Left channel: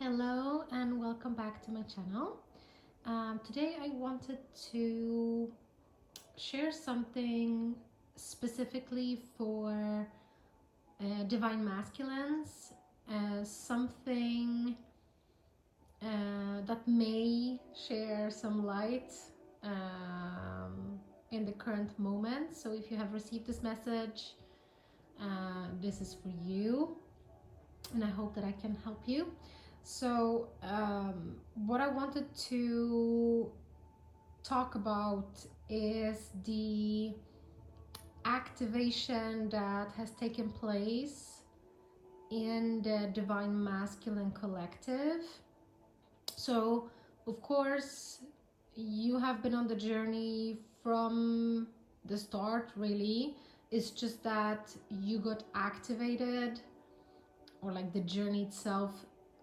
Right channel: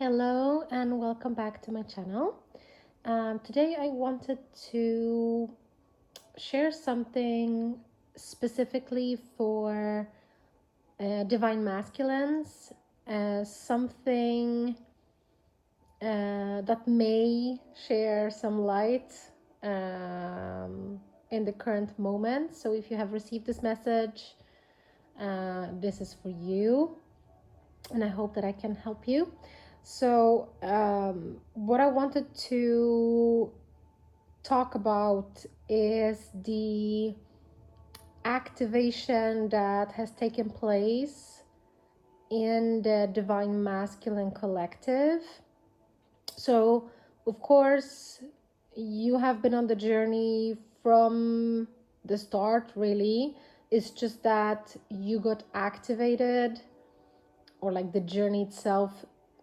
Hello and welcome back to my channel. Today I wanted to share something specifically for divine masculines, something that may share some light in the current moment. So if you have received this message, this is for you, and I hope that I can help you. So, what I wanted to talk about is the activation that has taken place in the Divine Masculine Collective. So, of course, you have been on the journey from the start, really. It's just that you got activated, or like the journey itself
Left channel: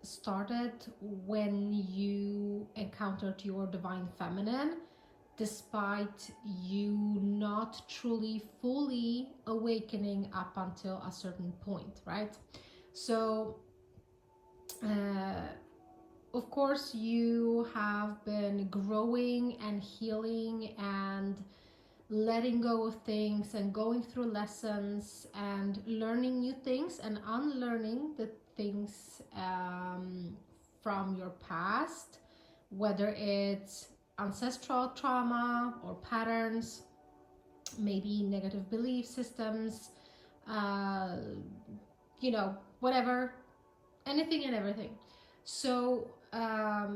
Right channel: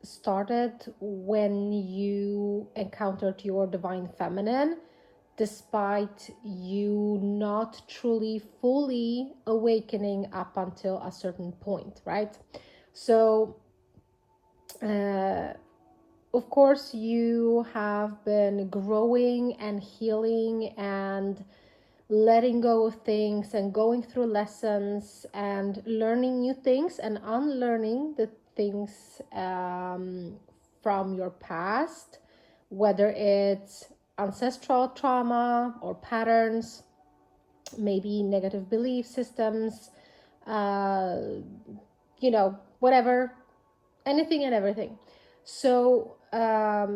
started when you encountered your divine feminine, despite you not truly fully awakening up until a certain point, right? So of course you have been growing and healing and letting go of things and going through lessons and learning new things and unlearning the things from your past, whether it's ancestral trauma or patterns, maybe negative belief systems, whatever, anything and everything. So I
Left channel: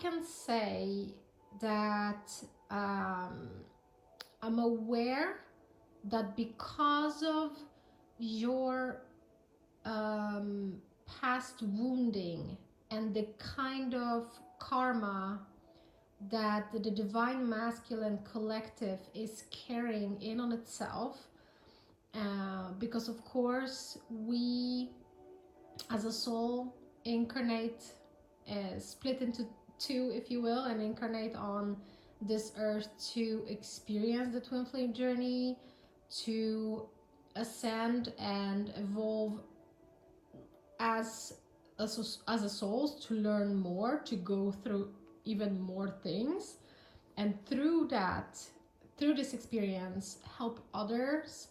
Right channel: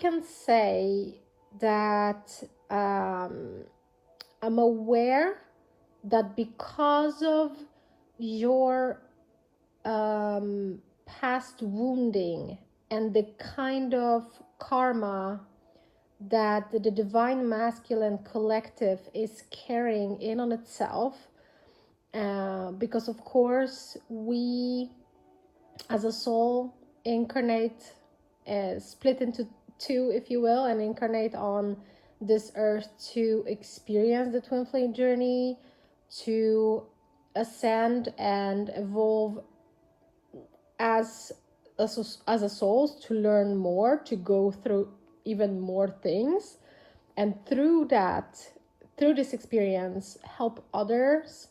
can say that I'm aware that because of your past wounding and the kind of karma that the Divine Masculine Collective is carrying in on itself, because of course we as a soul incarnate, split into two, if you will, and incarnate on this earth to experience the twin flame journey, to ascend and evolve as a soul, to learn more, to go through even more things, and through this experience, help others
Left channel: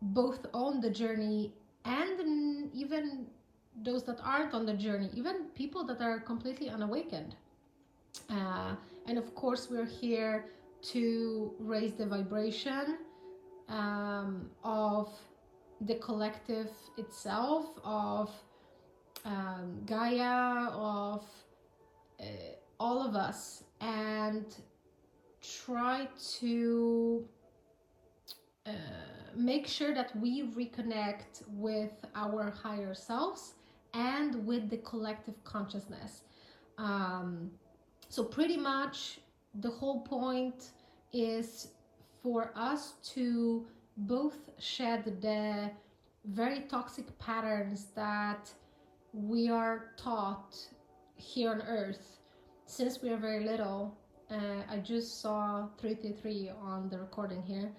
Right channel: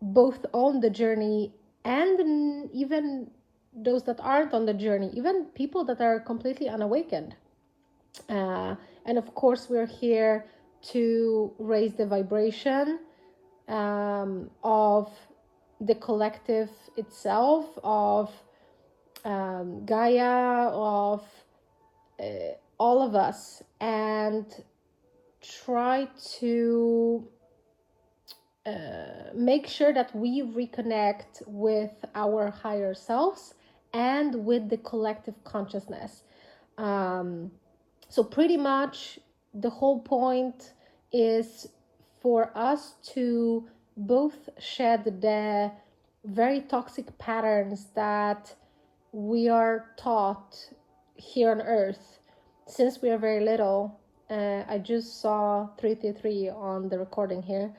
both on the journey and even those that aren't on the journey, even people that are completely unawakened. And of course we're here to raise the vibration of the collective itself, of Gaia, of all of us, and try to make sure that we reconnect with our higher selves and with the collective consciousness. So pretty much the whole point is for us to both shed the very toxic patterns that we are taught here on earth since we are very little. I just saw 333 on the recording here.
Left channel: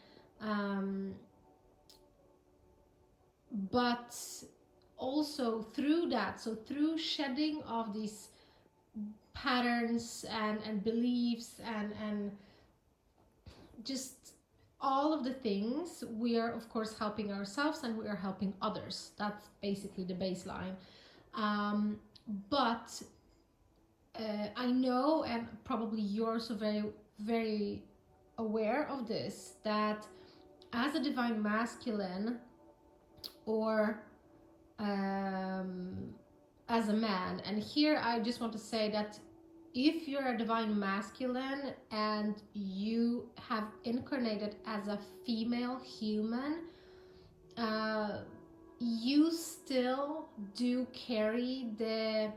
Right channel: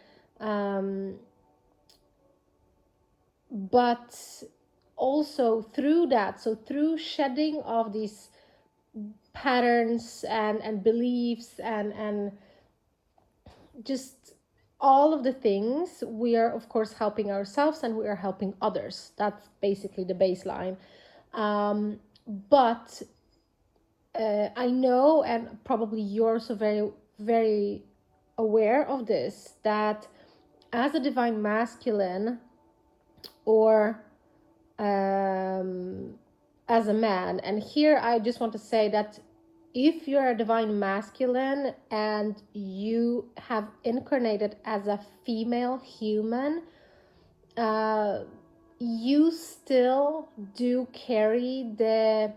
But also through that, so through shedding of these patterns and beliefs and just all of the things, we are of course helping ourselves and we are helping others. That's basically the baseline. But I know, and probably you're also very, very aware of this, that as a divine masculine, or as a man, and here I just want to say that if you're a divine masculine and you have incarnated as a female human, you still do carry the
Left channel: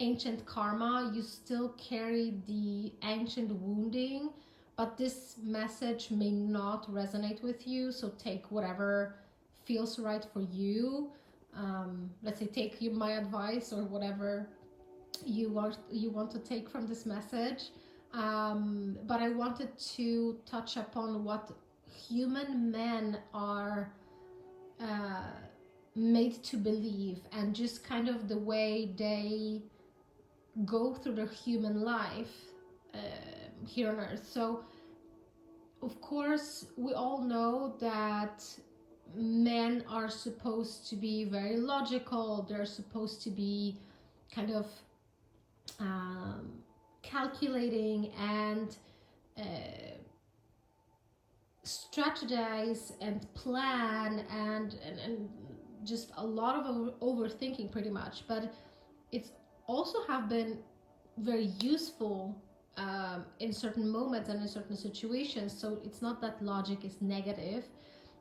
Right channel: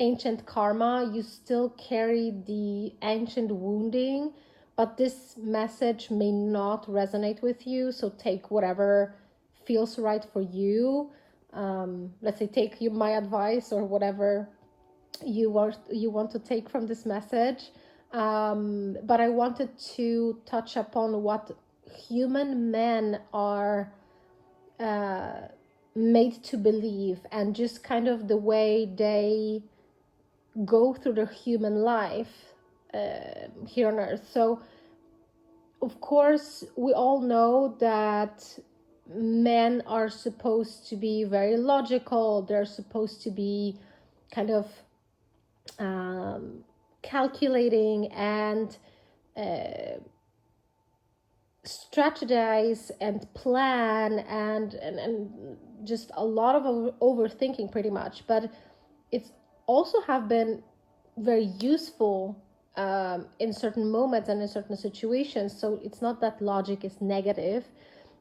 ancient karma, you still carry the ancient wounding, but this message may not resonate with you, so take whatever feels right for you. Let's say take my advice or whatever you want to take from this message. But I wanted to touch upon what human men are made to believe, and just kind of the way they go through their human life here on earth. So of course we all know that men are supposed to be very logical, they're supposed to be kind of calculating and strategize and plan and just a lot of overthinking pretty much. But it's also have been very useful in certain moments and in certain situations. So it's not that logic is negative,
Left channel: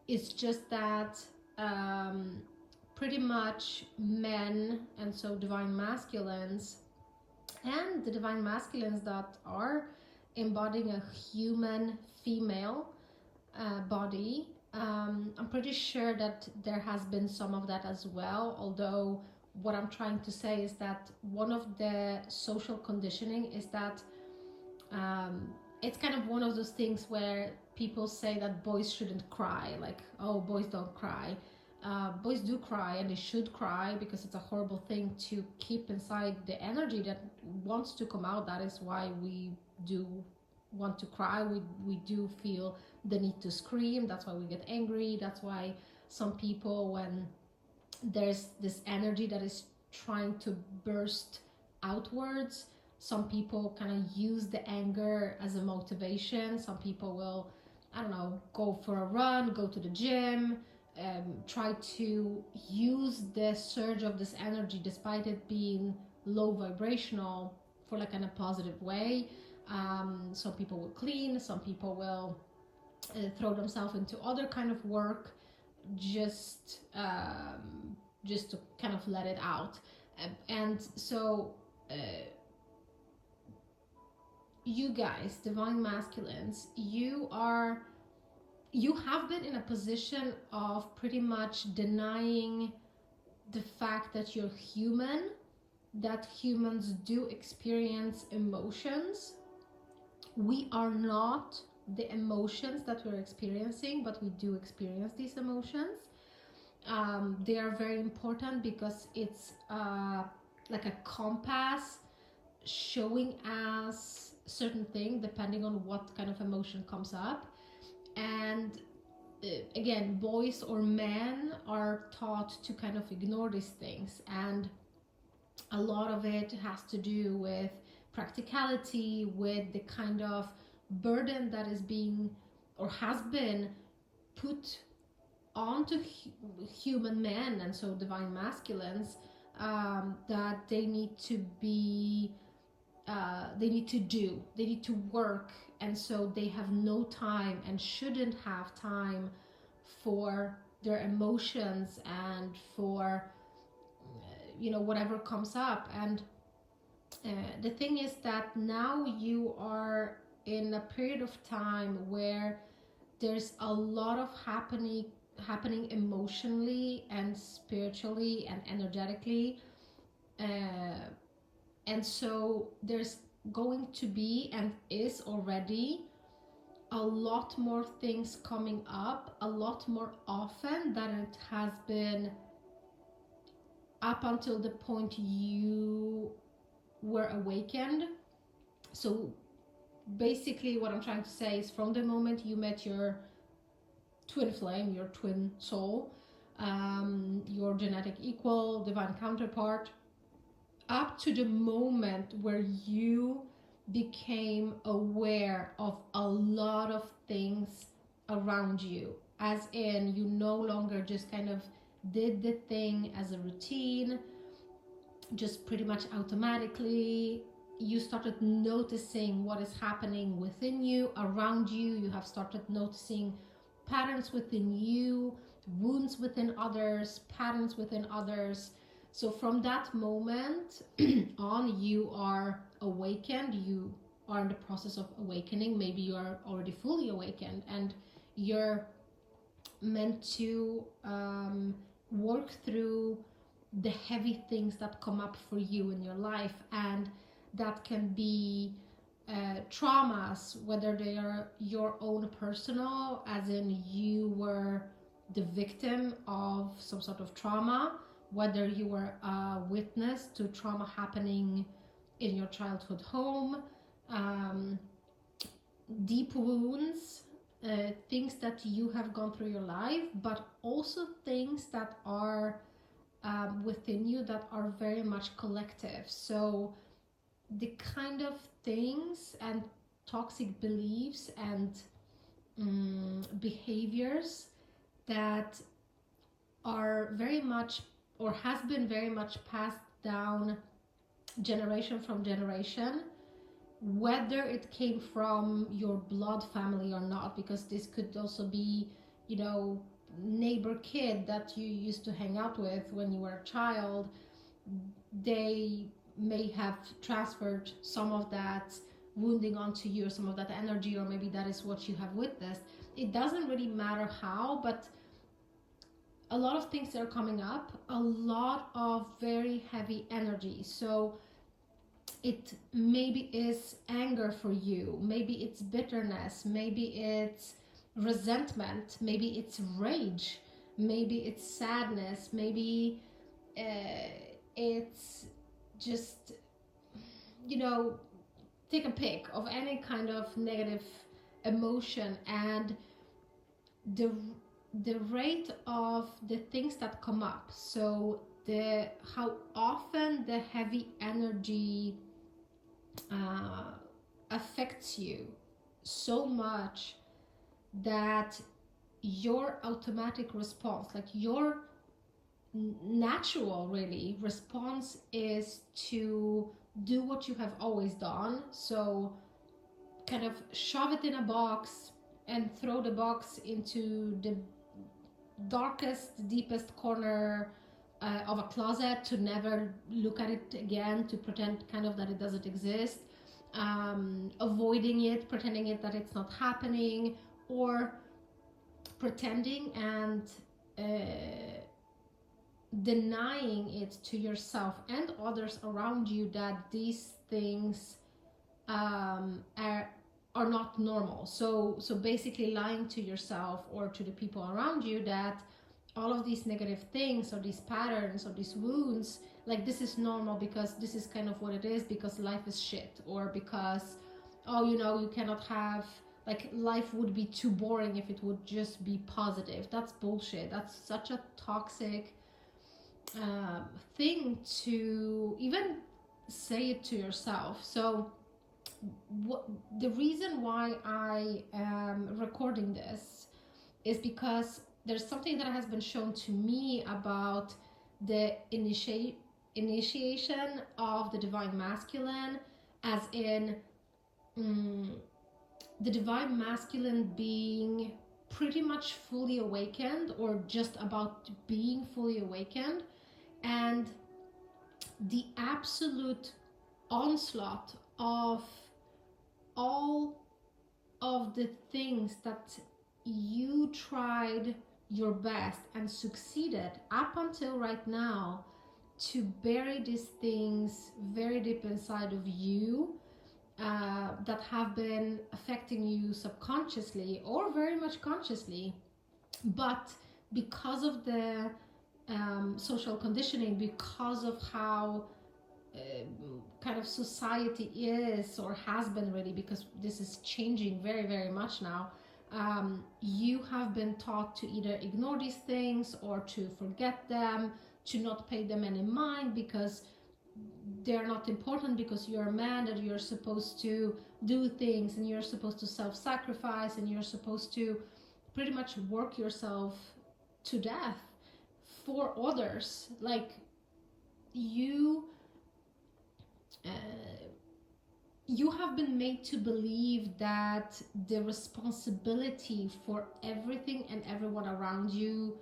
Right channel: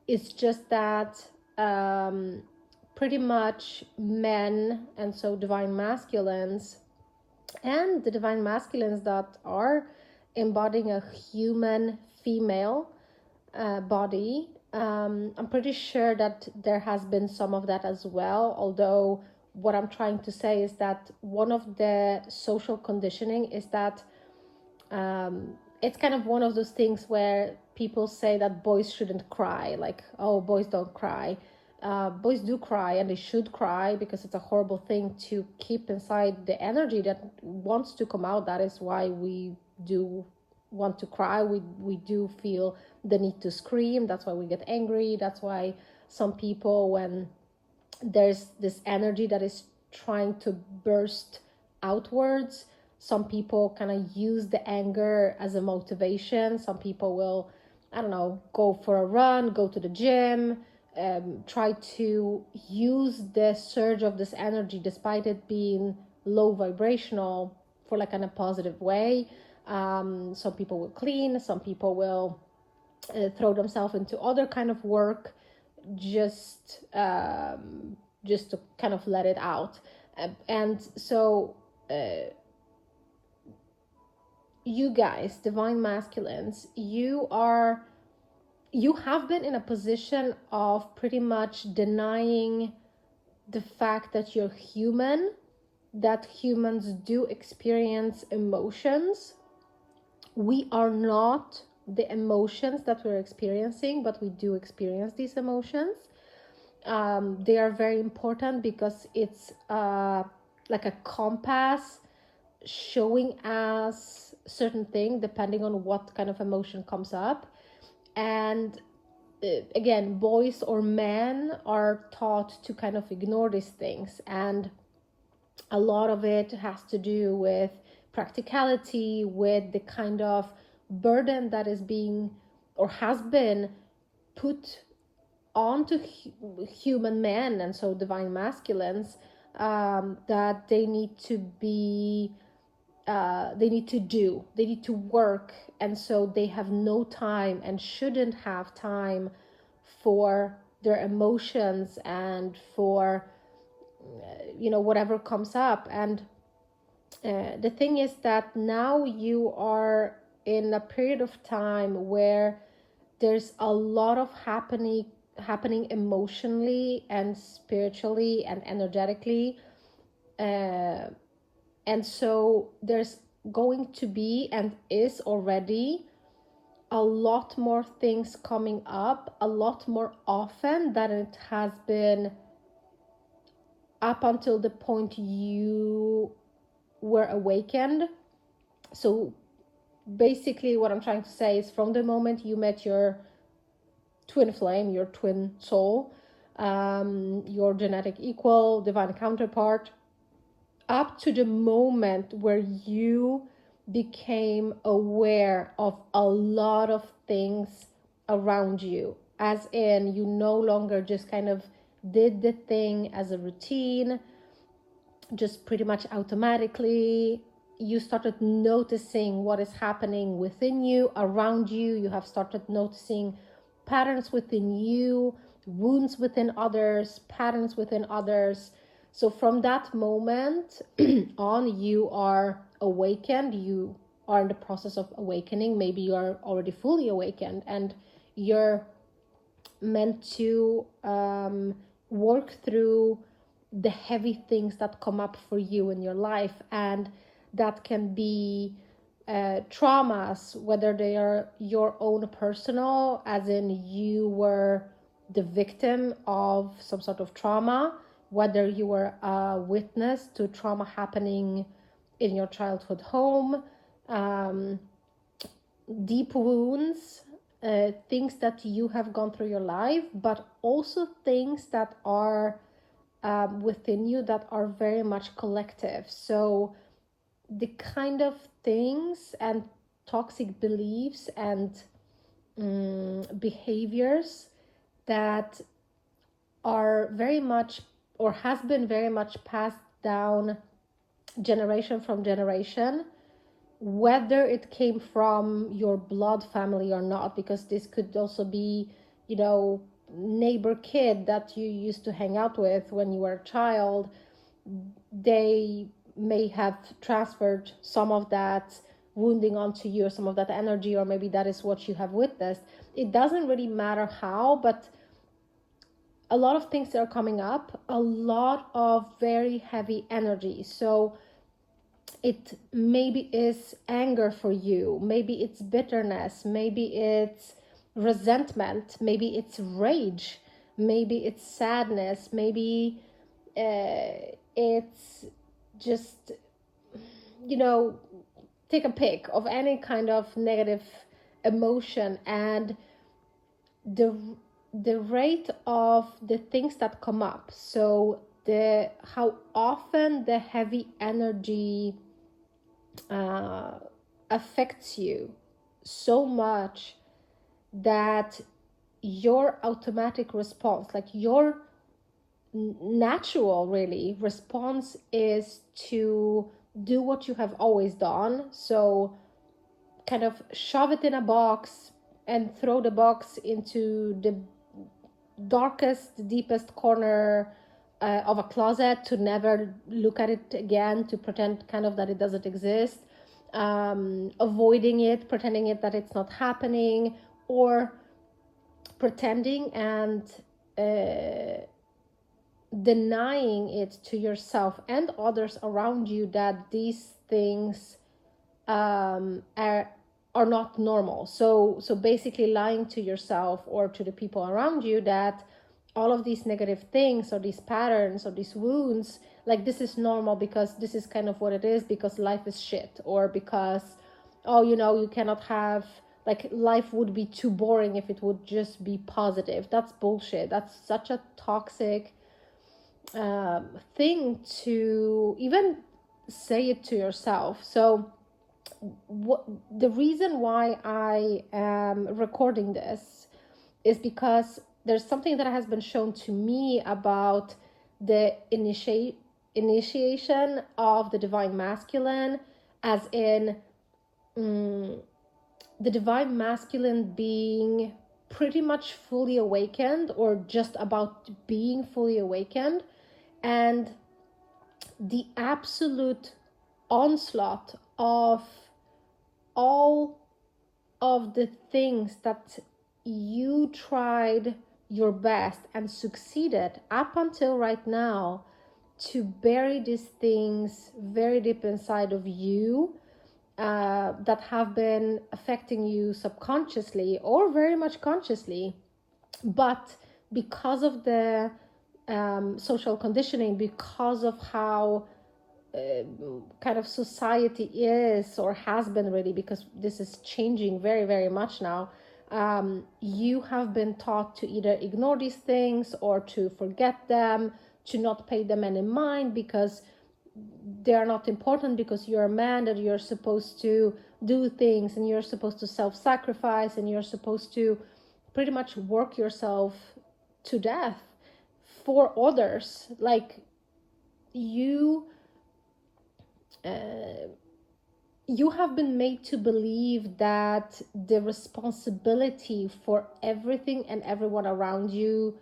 it's just that pretty much men, and so divine masculines and the divine masculines that are embodying a human female body, I'm pretty sure that there has been some of that as well. Although what I'm trying to say is that one of the social conditioning is that it's kind of one of those things where people say that boys shouldn't cry, like, oh, boys don't cry. Boys do cry, and they should cry, because it's a horrible thing to keep inside the energy that wants to come out. That is why we do want to cry. We do feel the need to scream. That's why we get angry. That's why some people, when there's this energy that is trying to burst outwards, some people kind of use the anger as a motivation. Some people will, I don't know, go for a run, go to the gym, try to use the surge of this energy, despite it being low vibrational, for like in a positive way. Some people will clean, some people will throw themselves into other kind of work, just to kind of let it out. And so you guys, divine masculines, you have been in a position of pretty much denying the fact that you're human, that humans do experience emotions. We are not the emotions that we're experiencing, but we do experience these emotions. They are very important because it's like a compass showing us certain thing depending on what kind of emotion comes up. And again, boys or men are taught to kind of ignore these things, and a lot of it has to do with practicality, with the kind of burden that is being or has been put onto human men, and so divine masculines, that they need to be they need to work, and so they have no time and shouldn't have time for their emotions and for whatever comes up. And the thing is that now you are in a period of time where there's a lot of happening emotionally and spiritually and energetically, and so there's going to be, and is already, a lot more things coming up, a lot more often than it has been up until the point you were awakened. So basically what I'm trying to say is, from the moment you met your twin flame, your twin soul, your genetic equal, divine counterpart, up to the moment where you became aware of a lot of things around you, as in you no longer just kind of did the thing as a routine, just pretty much automatically. You started noticing what is happening within you, around you. You have started noticing patterns within you, wounds within others, patterns within others. So from that moment on, you are awakened. You are in the process of awakening. Maybe you are already fully awakened, and you're meant to work through the heavy things that come up for you in your life. And that can be traumas, whether they are your own personal, as in you were the victim of some sort of trauma, whether you were a witness to trauma happening in your childhood home, deep wounds, things that you have gone through your life, but also things that are within you that are very much collective. So the kind of things and toxic beliefs and behaviors that are very much, or has been very much, passed down generation from generation, whether it came from your blood family or not, because this could also be, you know, neighbor kid that you used to hang out with when you were a child. They may have transferred some of that wounding onto you, or some of that energy, or maybe that is what you have witnessed. It doesn't really matter how, but a lot of things are coming up, a lot of very heavy energy. So it maybe is anger for you, maybe it's bitterness, maybe it's resentment, maybe it's rage, maybe it's sadness, maybe it's just, you know, take a pick of any kind of negative emotion. And the rate of the things that come up, so the how often the heavy energy affects you so much that your automatic response, like your natural really response, is to do what you have always done. So kind of shove it in a box and throw the box into the darkest, deepest corner of a closet, to never look at it again, to pretend kind of that it doesn't exist, avoiding it, pretending it that it's not happening, or pretending and denying it to yourself and others around you that these things are not normal. So basically lying to yourself or to the people around you that all of these negative things or these patterns or these wounds, like, this is normal because this is kind of what it is, because life is shit, or because, oh, you know, you cannot have, like, life would be too boring if it would just be positive. That's bullshit. That's such a toxic thing to even say it to yourself. So the reason why I am recording this is because there's something that has been shown to me about the initiation of the divine masculine, as in the divine masculine being pretty much fully awakened, or just about being fully awakened, and the absolute onslaught of all of the things that you tried your best and succeeded up until right now to bury these things very deep inside of you, that have been affecting you subconsciously or very much consciously, but because of the social conditioning, because of how kind of society is or has been, really, because this is changing very, very much now, you have been taught to either ignore these things or to forget them, to not pay them any mind because they are not important, because you're a man, that you're supposed to do things and you're supposed to self-sacrifice and you're supposed to pretty much work yourself to death for others. Like, you have been made to believe that the responsibility for everything and everyone around you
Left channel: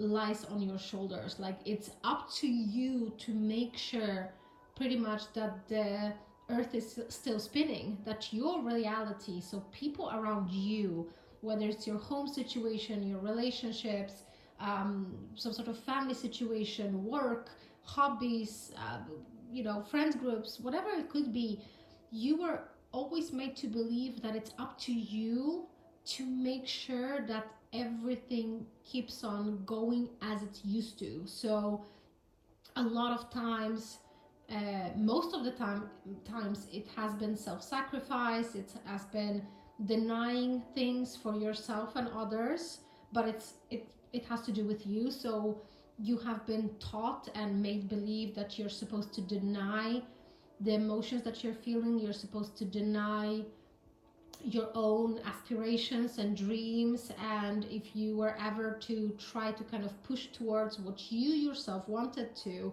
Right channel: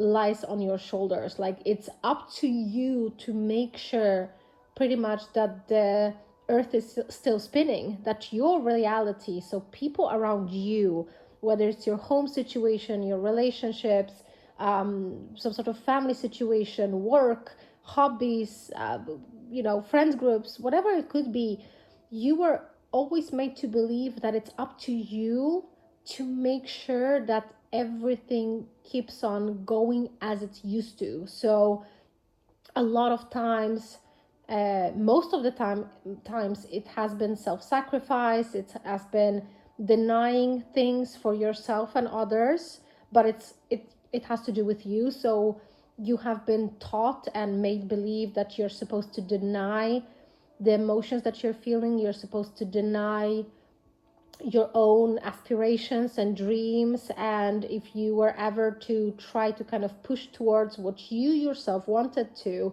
lies on your shoulders. Like, it's up to you to make sure pretty much that the earth is still spinning, that your reality, so people around you, whether it's your home situation, your relationships, some sort of family situation, work, hobbies, friends groups, whatever it could be, you were always made to believe that it's up to you to make sure that everything keeps on going as it used to. So a lot of times, most of the times it has been self-sacrifice, it has been denying things for yourself and others, but it has to do with you. So you have been taught and made believe that you're supposed to deny the emotions that you're feeling, you're supposed to deny your own aspirations and dreams, and if you were ever to try to kind of push towards what you yourself wanted to,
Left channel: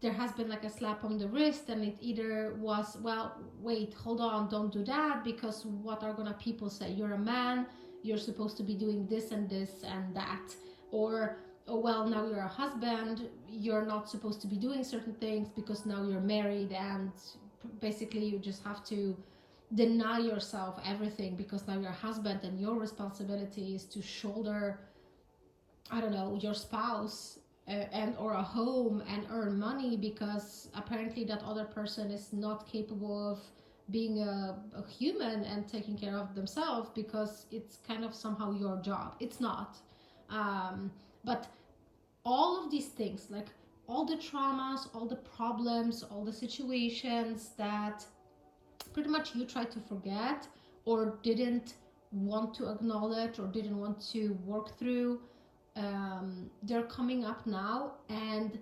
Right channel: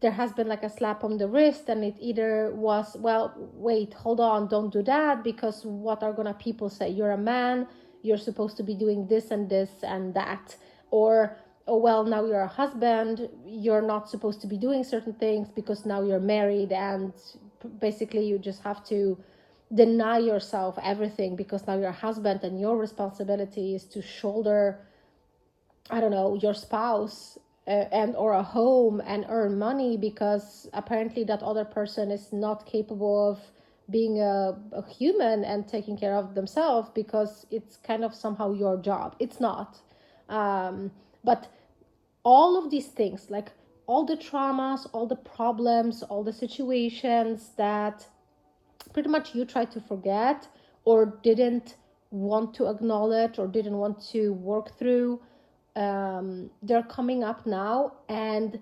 there has been like a slap on the wrist, and it either was, well, wait, hold on, don't do that, because what are gonna people say? You're a man, you're supposed to be doing this and this and that. Or, oh well, now you're a husband, you're not supposed to be doing certain things because now you're married, and basically you just have to deny yourself everything because now you're a husband and your responsibility is to shoulder, I don't know, your spouse and or a home and earn money, because apparently that other person is not capable of being a human and taking care of themselves, because it's kind of somehow your job. It's not. But all of these things, like all the traumas, all the problems, all the situations that pretty much you tried to forget or didn't want to acknowledge or didn't want to work through, they're coming up now. And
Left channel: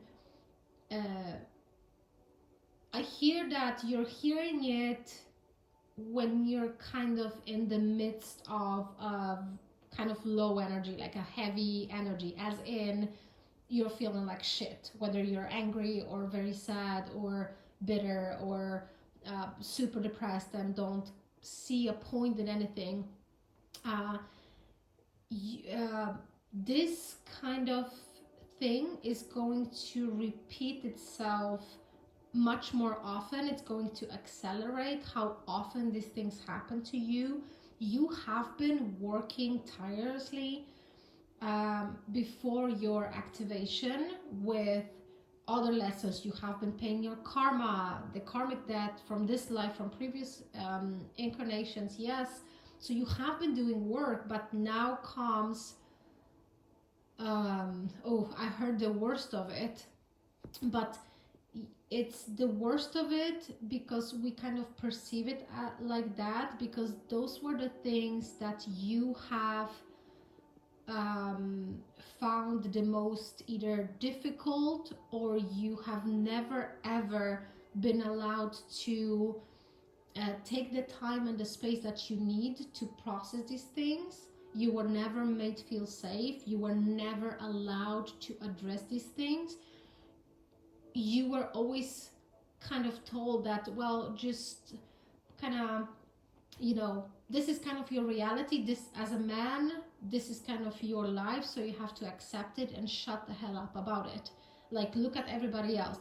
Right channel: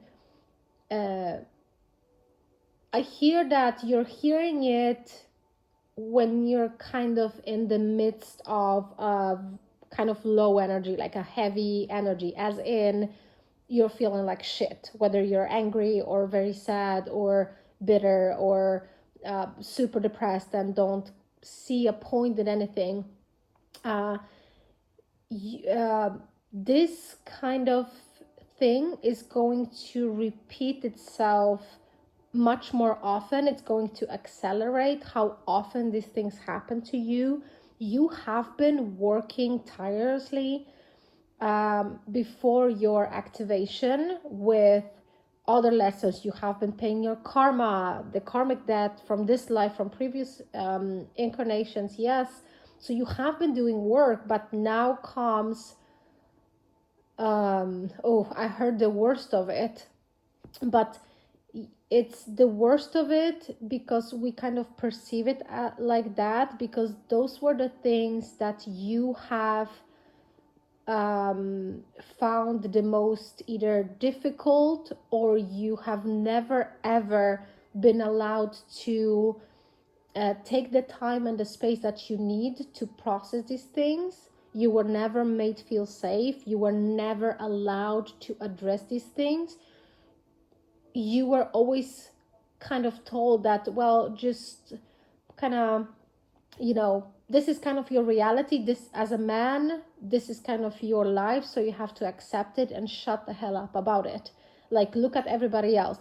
I hear that you're hearing it when you're kind of in the midst of kind of low energy, like a heavy energy, as in you're feeling like shit, whether you're angry or very sad or bitter or super depressed and don't see a point in anything. This kind of thing is going to repeat itself much more often. It's going to accelerate how often these things happen to you. You have been working tirelessly before your activation with other lessons. You have been paying your karma, the karmic debt from this life, from previous incarnations, yes. So you have been doing work, but now comes I heard the worst of it, but it's the worst of it because we kind of perceive it like that, because those were the things that you have found the most either difficult, or you have never ever been allowed to take the time and the space that you need to process these things. You were never made feel safe. You were never allowed to address these things. You were always kind of told that, well, just kind of, this is kind of your reality. This, as a man, this is kind of your life. So you have to accept it and shut the hell up about it. Like, look at everybody else.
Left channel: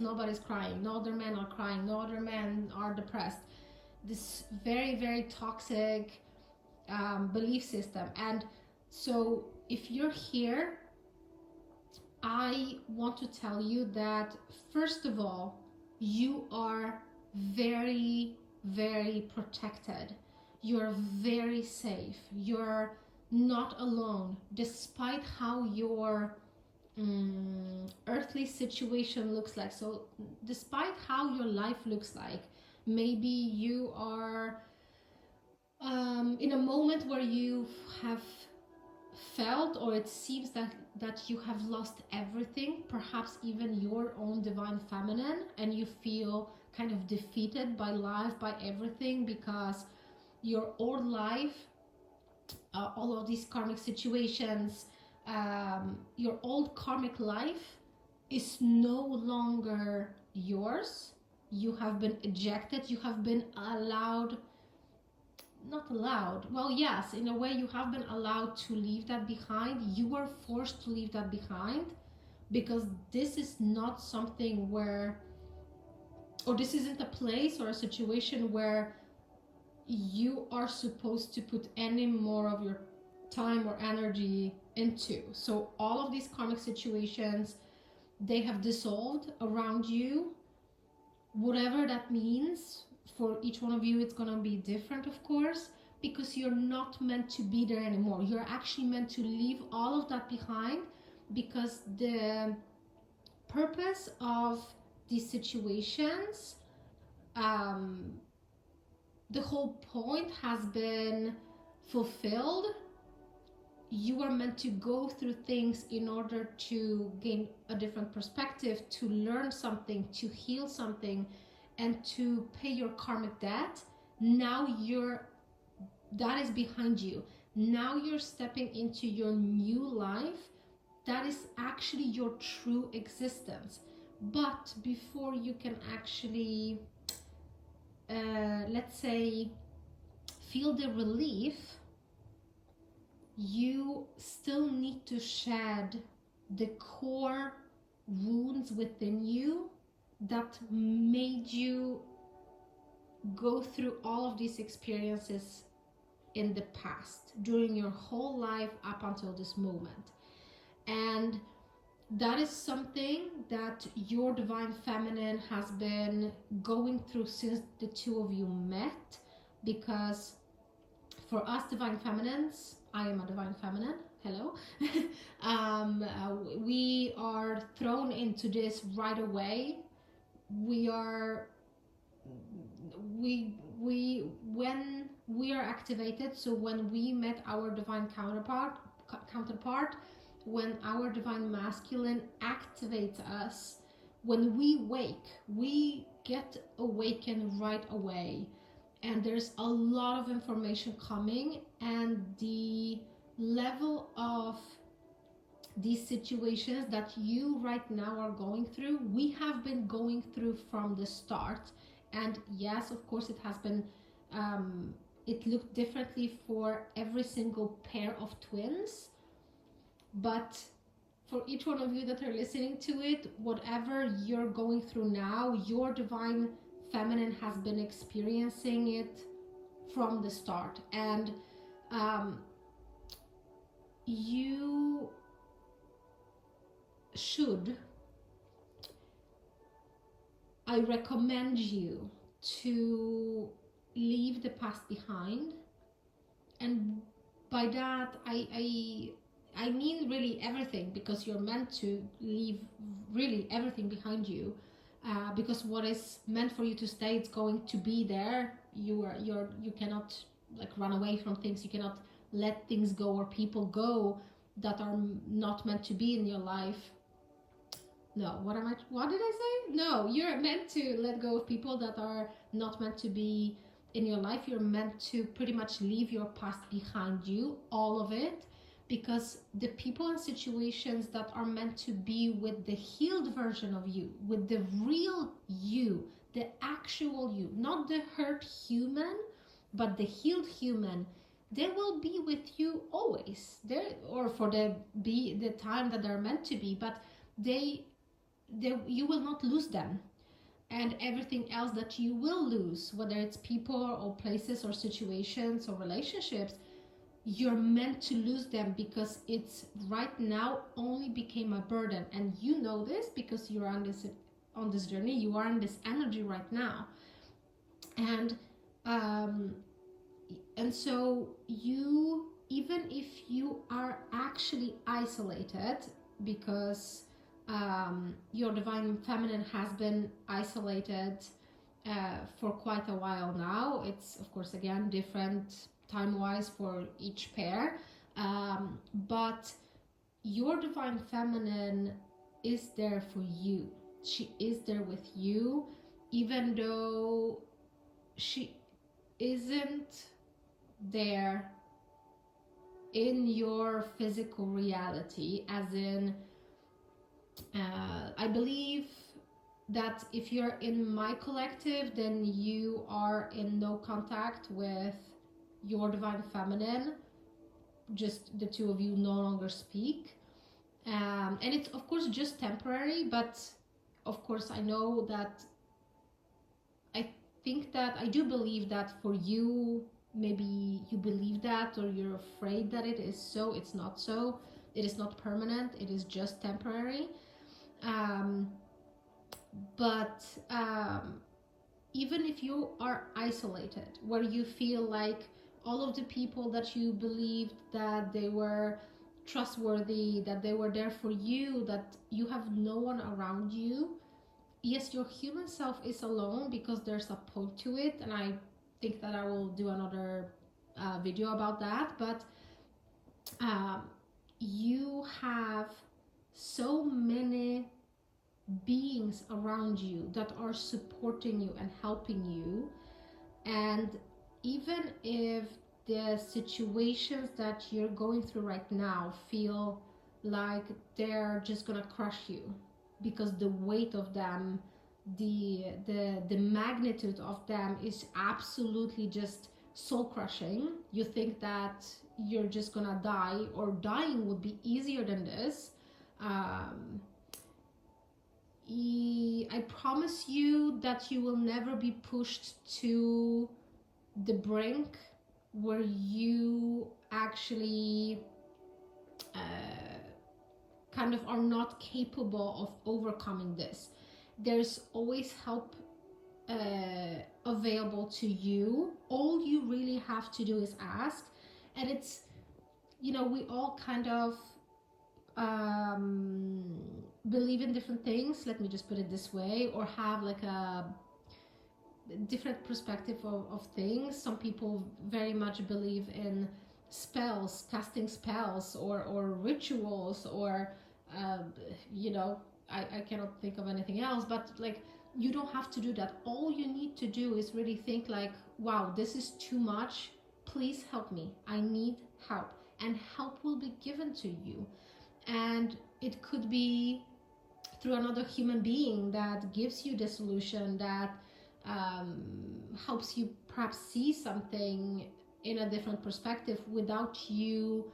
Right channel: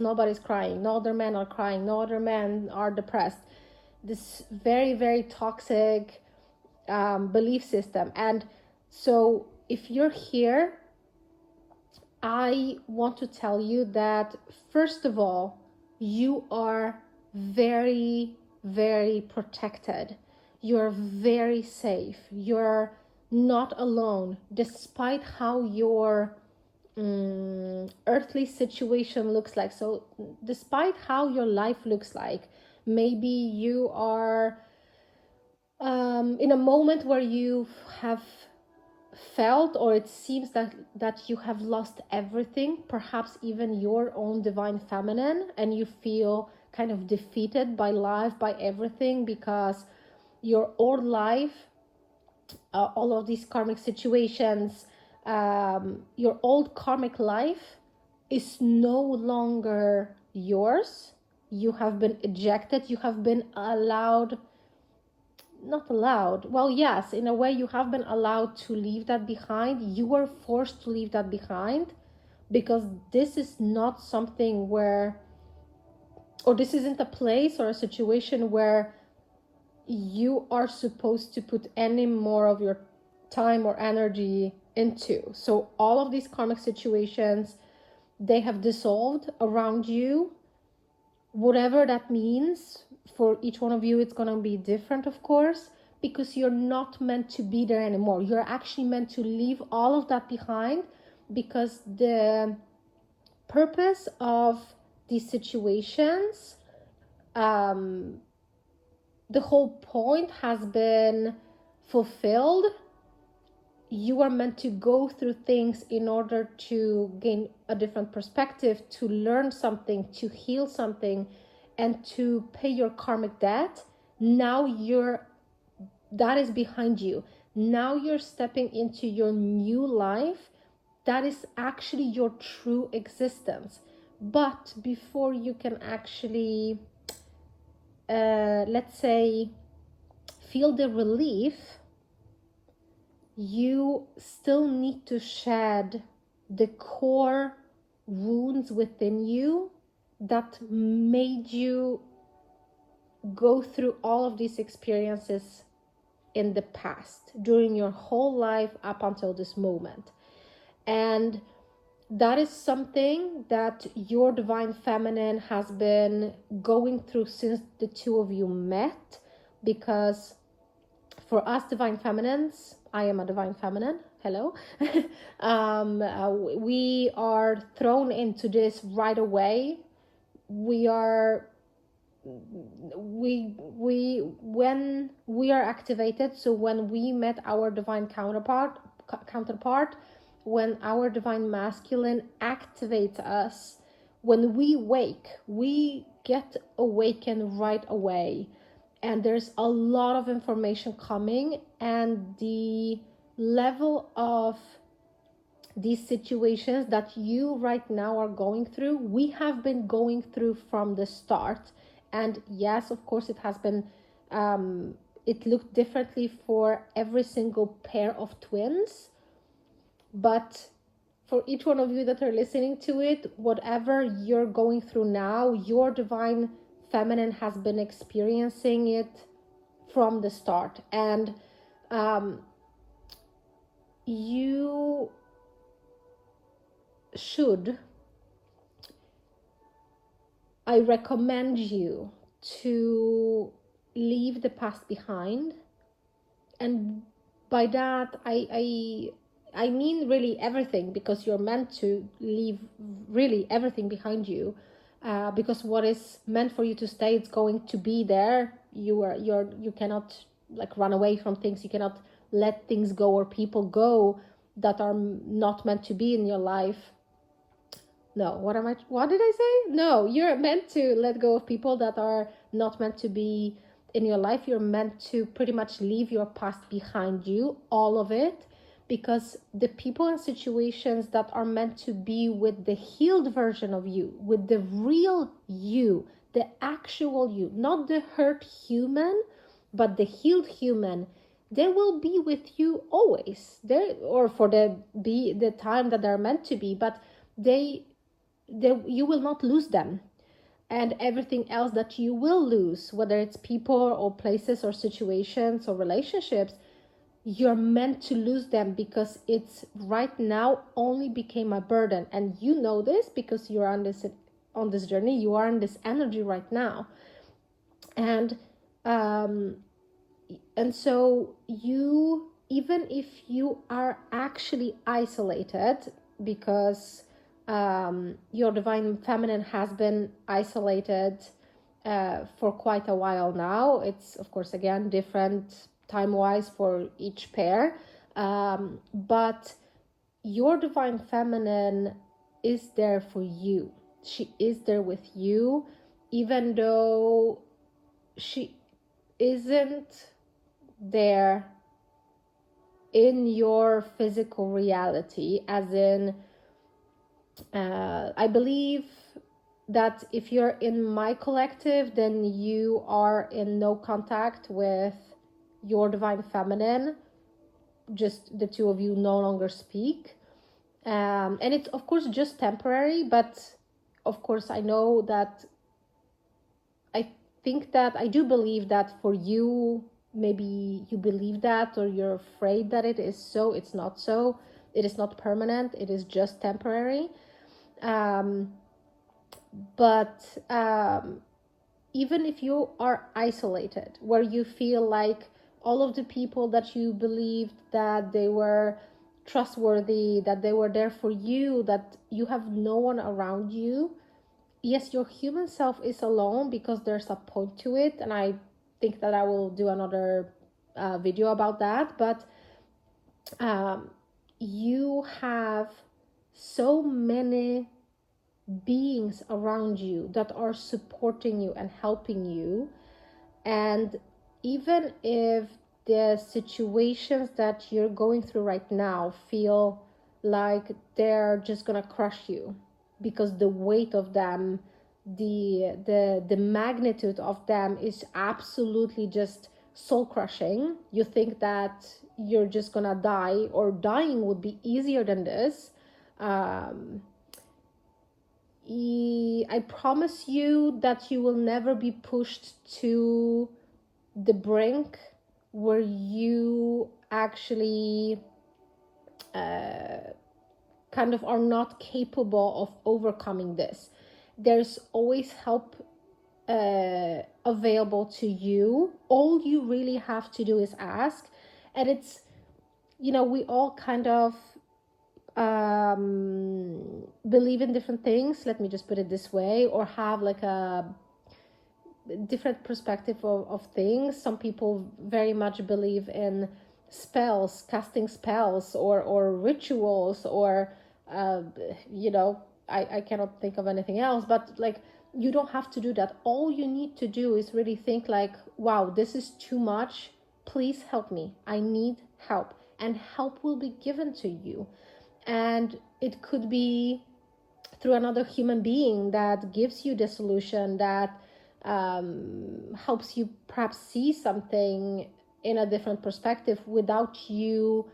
Nobody's crying. No other men are crying. No other men are depressed. This very, very toxic belief system. And so if you're here, I want to tell you that, first of all, you are very, very protected. You're very safe. You're not alone, despite how your earthly situation looks like. So despite how your life looks like, maybe you are in a moment where you have felt, or it seems that you have lost everything, perhaps even your own divine feminine, and you feel kind of defeated by life, by everything, because your old life, all of these karmic situations, your old karmic life is no longer yours. You have been ejected. You have been not allowed. Well, yes, in a way you have been allowed to leave that behind. You were forced to leave that behind, because this is not something where, or this isn't a place or a situation where you are supposed to put any more of your time or energy into. So all of these karmic situations, they have dissolved around you. Whatever that means for each one of you, it's going to be different, of course, because you're not meant to be there anymore. You're actually meant to leave all of that behind, because the purpose of these situations, the whole point has been fulfilled. You are meant to go through things in order to gain a different perspective, to learn something, to heal something, and to pay your karmic debt. Now that is behind you. Now you're stepping into your new life. That is actually your true existence. But before you can actually, let's say, feel the relief, you still need to shed the core wounds within you that made you go through all of these experiences in the past, during your whole life up until this moment. And that is something that your divine feminine has been going through since the two of you met. Because for us divine feminines, I am a divine feminine, hello, we are thrown into this right away. When we are activated, so when we met our divine counterpart, when our divine masculine activates us, when we wake, we get awakened right away. And there's a lot of information coming, and the level of these situations that you right now are going through, we have been going through from the start. And yes, of course, it has been, it looked differently for every single pair of twins. But for each one of you that are listening to it, whatever you're going through now, your divine feminine has been experiencing it from the start. And you should, I recommend you to leave the past behind. And by that I mean really everything, because you're meant to leave really everything behind you, because what is meant for you to stay, it's going to be there. You cannot like run away from things. You cannot let things go or people go that are not meant to be in your life. No, what did I say? No, you're meant to let go of people that are not meant to be in your life. You're meant to pretty much leave your past behind you, all of it, because the people and situations that are meant to be with the healed version of you, with the real you, the actual you, not the hurt human, but the healed human, they will be with you always there, or for the time that they're meant to be, but you will not lose them. And everything else that you will lose, whether it's people or places or situations or relationships, you're meant to lose them, because it's right now only became a burden. And you know this because you're on this journey, you are in this energy right now. And so you, even if you are actually isolated, because your divine feminine has been isolated for quite a while now. It's of course again different time-wise for each pair, but your divine feminine is there for you. She is there with you, even though she isn't there in your physical reality, as in I believe that if you're in my collective, then you are in no contact with your divine feminine. Just the two of you no longer speak. And it's of course just temporary, but of course I know that, I think that, I do believe that for you, maybe you believe that, or you're afraid that it is so. It's not so. It is not permanent. It is just temporary. But even if you are isolated, where you feel like, all of the people that you believed that they were trustworthy, that they were there for you, that you have no one around you. Yes, your human self is alone because there's a point to it, and I think that I will do another video about that. But you have so many beings around you that are supporting you and helping you. And even if the situations that you're going through right now feel like they're just gonna crush you, because the weight of them, the magnitude of them is absolutely just soul crushing. You think that you're just gonna die, or dying would be easier than this. I promise you that you will never be pushed to the brink where you actually kind of are not capable of overcoming this. There's always help available to you. All you really have to do is ask. And it's, you know, we all kind of believe in different things, let me just put it this way, or have like a different perspective of things. Some people very much believe in spells, casting spells, or rituals, or you know, I cannot think of anything else. But like, you don't have to do that. All you need to do is really think like, wow, this is too much, please help me, I need help. And help will be given to you. And it could be through another human being that gives you the solution, that helps you perhaps see something in a different perspective without you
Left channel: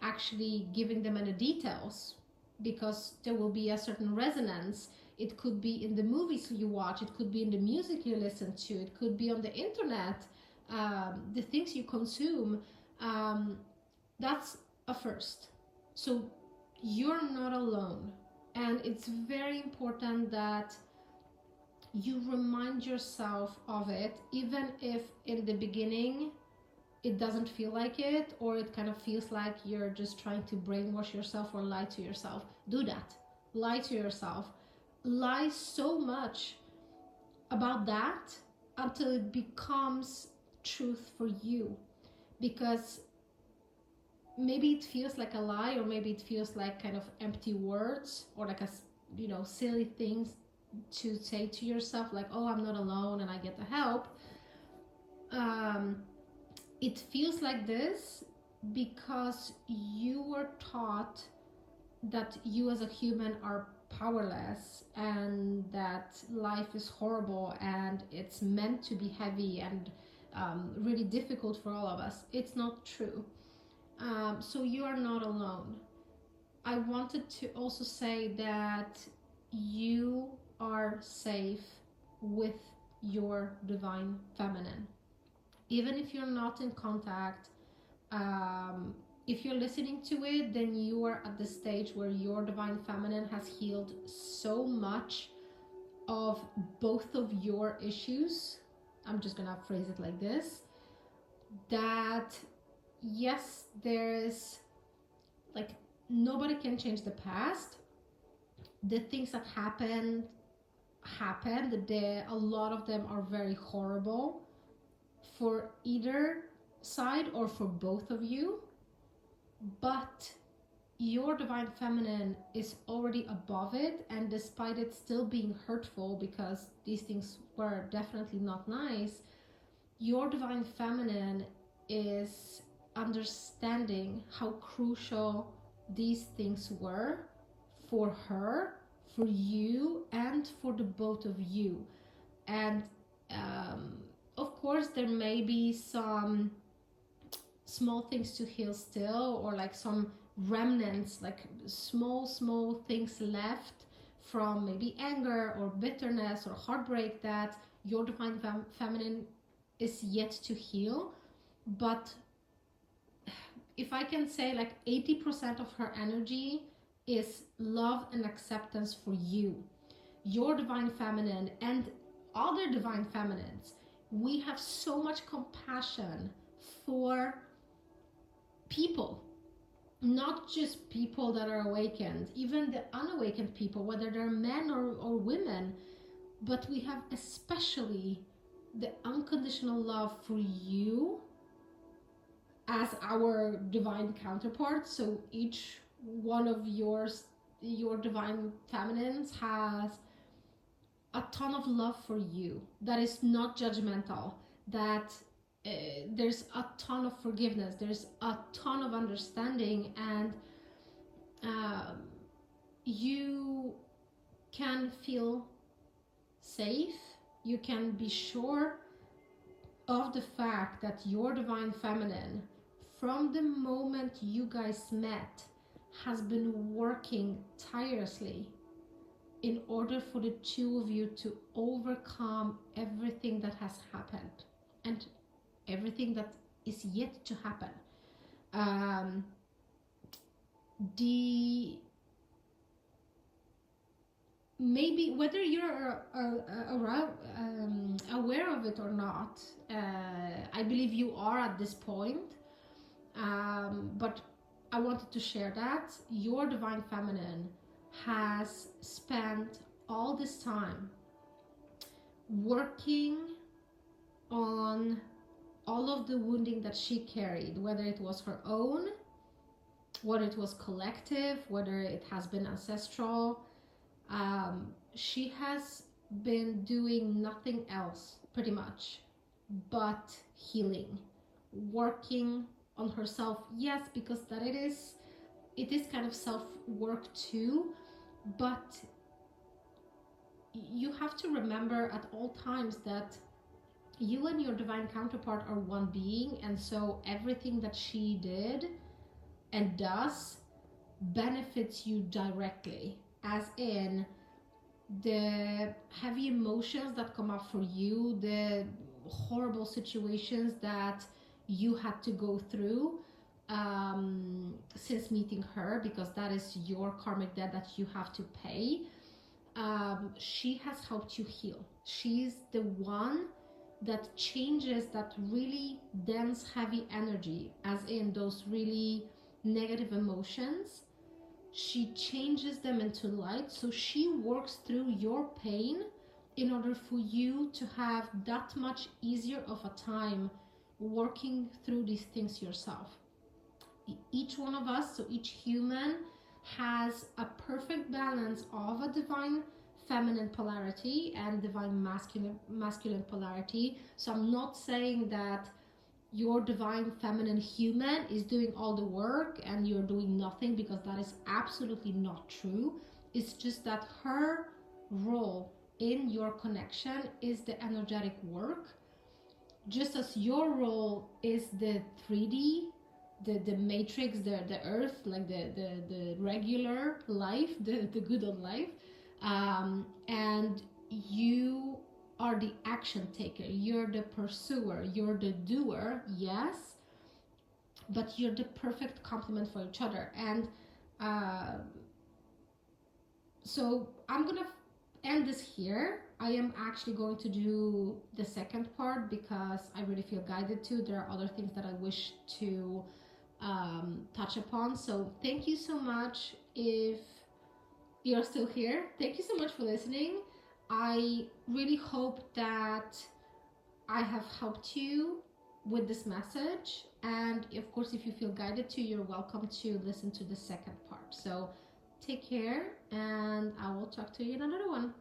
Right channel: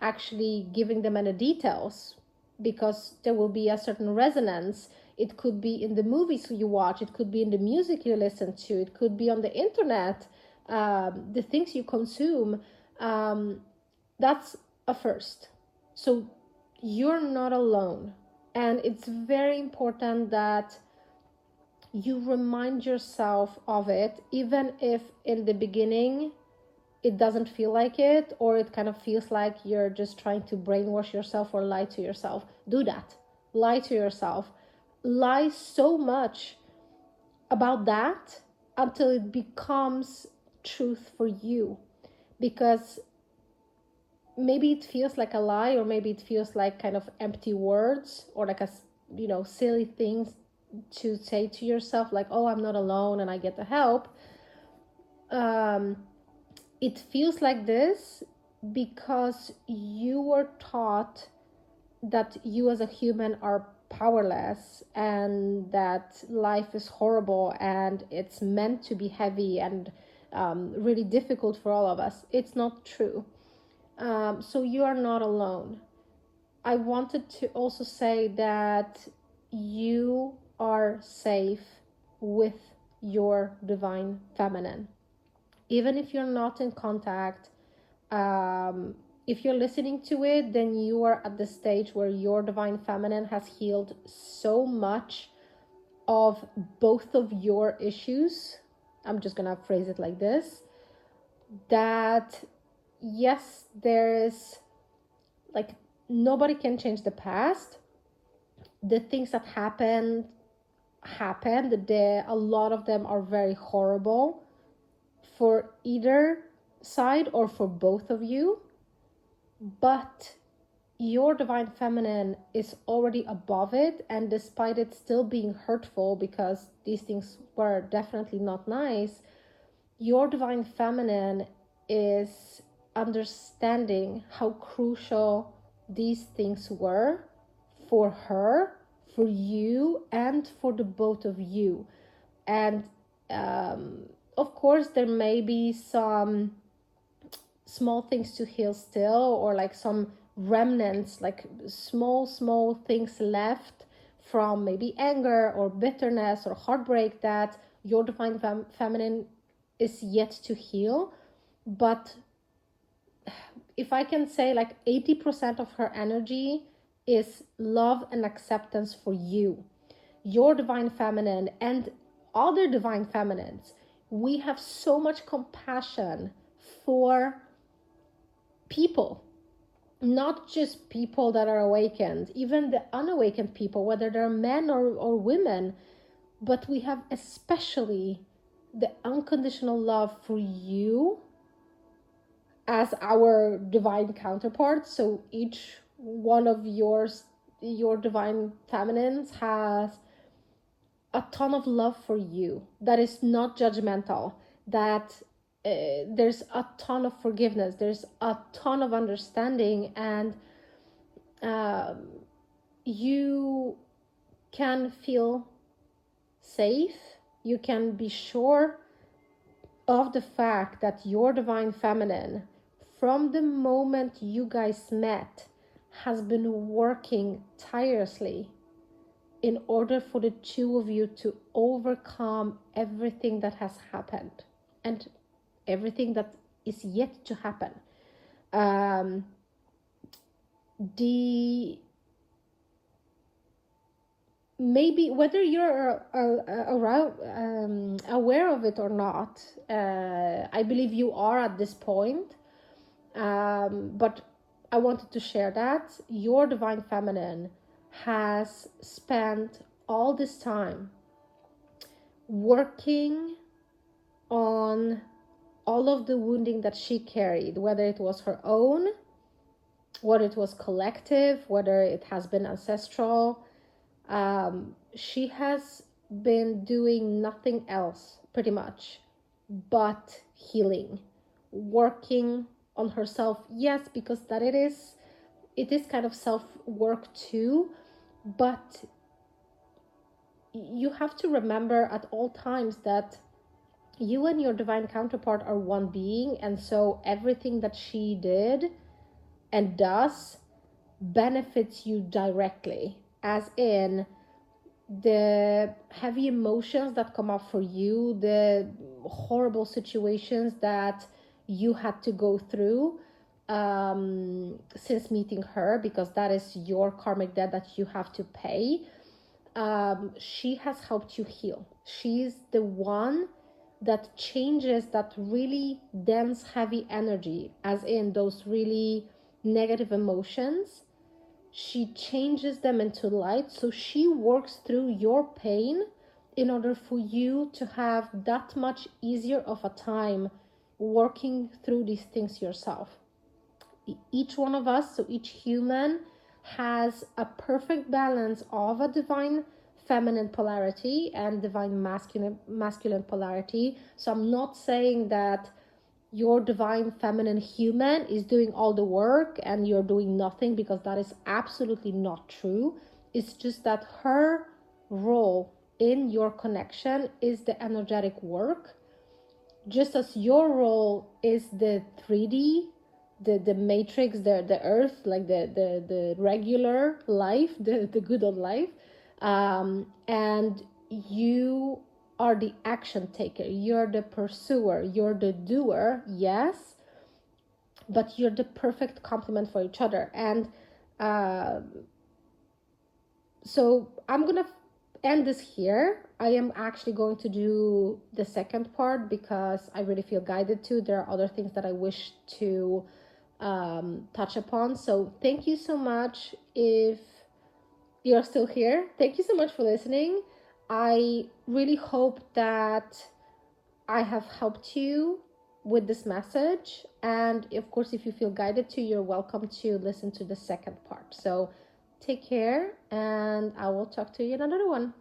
actually giving them any details, because there will be a certain resonance. It could be in the movies you watch, it could be in the music you listen to, it could be on the internet, the things you consume. That's a first. So you're not alone. And it's very important that you remind yourself of it, even if in the beginning it doesn't feel like it, or it kind of feels like you're just trying to brainwash yourself or lie to yourself. Do that. Lie to yourself. Lie so much about that until it becomes truth for you. Because maybe it feels like a lie, or maybe it feels like kind of empty words, or like a, you know, silly things to say to yourself, like, oh, I'm not alone and I get the help. It feels like this because you were taught that you as a human are powerless, and that life is horrible and it's meant to be heavy and really difficult for all of us. It's not true. So you are not alone. I wanted to also say that you are safe with your divine feminine. Even if you're not in contact, if you're listening to it, then you are at the stage where your divine feminine has healed so much of both of your issues. I'm just gonna phrase it like this, that yes, there's like, nobody can change the past. The things that happened, a lot of them are very horrible for either side or for both of you. But your divine feminine is already above it, and despite it still being hurtful, because these things were definitely not nice, your divine feminine is understanding how crucial these things were for her, for you, and for the both of you. And of course there may be some small things to heal still, or like some remnants, like small things left from maybe anger or bitterness or heartbreak that your divine feminine is yet to heal. But if I can say, like 80% of her energy is love and acceptance for you. Your divine feminine and other divine feminines, we have so much compassion for people, not just people that are awakened, even the unawakened people, whether they're men or women. But we have especially the unconditional love for you as our divine counterpart. So each one of your divine feminines has a ton of love for you that is not judgmental, that there's a ton of forgiveness, there's a ton of understanding, and you can feel safe. You can be sure of the fact that your divine feminine, from the moment you guys met, has been working tirelessly in order for the two of you to overcome everything that has happened and everything that is yet to happen. Maybe whether you're aware of it or not, I believe you are at this point, but I wanted to share that your divine feminine has spent all this time working on all of the wounding that she carried, whether it was her own, whether it was collective, whether it has been ancestral. She has been doing nothing else pretty much but healing, working on herself. Yes, because that it is kind of self-work too, but you have to remember at all times that you and your divine counterpart are one being, and so everything that she did and does benefits you directly, as in the heavy emotions that come up for you, the horrible situations that you had to go through since meeting her, because that is your karmic debt that you have to pay. She has helped you heal. She's the one that changes that really dense, heavy energy, as in those really negative emotions. She changes them into light. So she works through your pain in order for you to have that much easier of a time working through these things yourself. Each one of us, so each human, has a perfect balance of a divine feminine polarity and divine masculine polarity. So I'm not saying that your divine feminine human is doing all the work and you're doing nothing, because that is absolutely not true. It's just that her role in your connection is the energetic work, just as your role is the 3D, the matrix, the earth, like the regular life, the good old life. And you are the action taker, you're the pursuer, you're the doer, yes, but you're the perfect complement for each other. And so I'm gonna end this here. I am actually going to do the second part because I really feel guided to. There are other things that I wish to touch upon. So thank you so much. If you're still here, thank you so much for listening. I really hope that I have helped you with this message. And of course, if you feel guided to, you're welcome to listen to the second part. So take care, and I will talk to you in another one.